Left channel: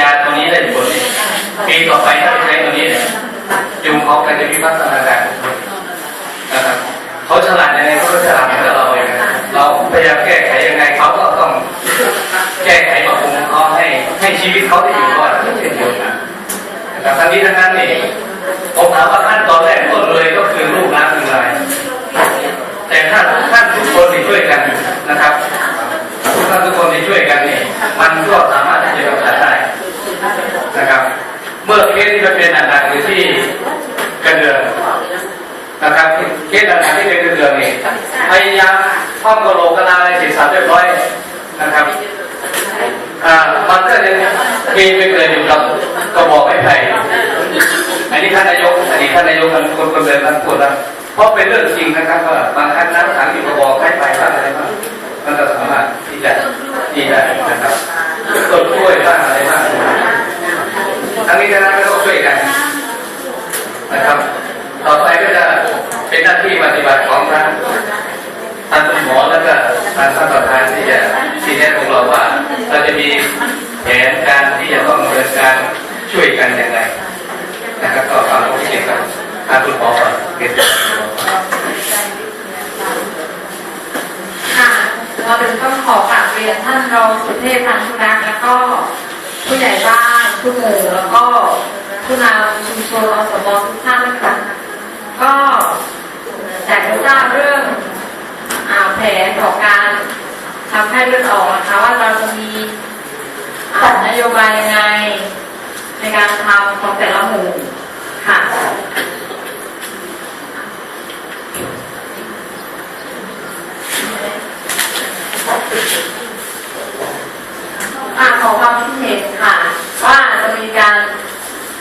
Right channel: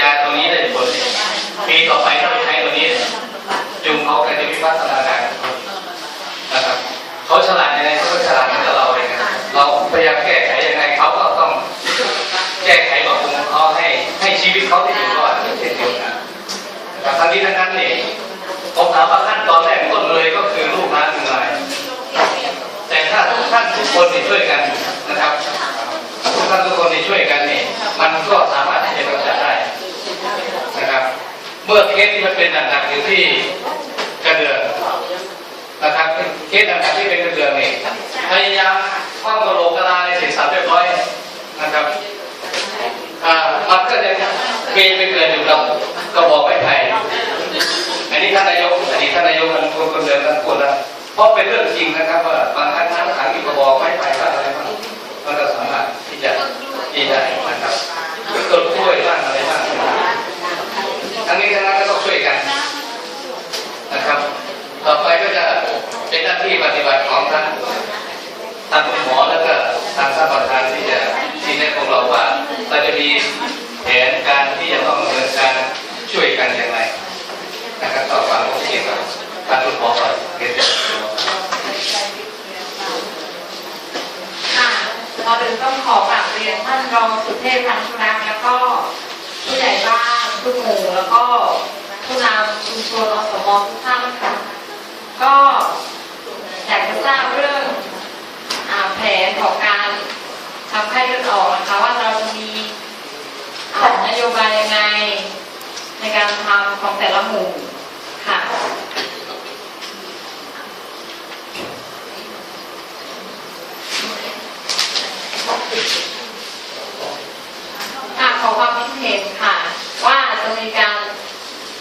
ยาตรงนี้ได้ผลปีต่อไปถ้าใช้ตัวนี้เนี่ยจุงเขาใคจะพิพัฒนา จะเป็นหนงกๆอยู่ที่กระเดืองนะครับเคสหนักๆที่เป็นกระเดืองนี่พยายามข้องกระโหลกกระลาอะไรสร็จสารเรียบร้อยนะครับอ่ามันก็จะมีไปเกิดอยู่กับกระบอกไม้ไผ่อันนี้ท่านนายกอันนี้ท่านนายกมันคนคนเดินคนคนละเพราะเป็นเรื่องจริงนะครับว่าบางครั้งน้นทางที่กระบอกไม้ไผ่อะไรบ้างมันก็สามารถที่จะดีได้นะครับต้นกล้วยบ้างอะไรบ้างอันนี้นะ ทำให้เลือดออกนะคะว่าเราจะมีนโยบายยังไง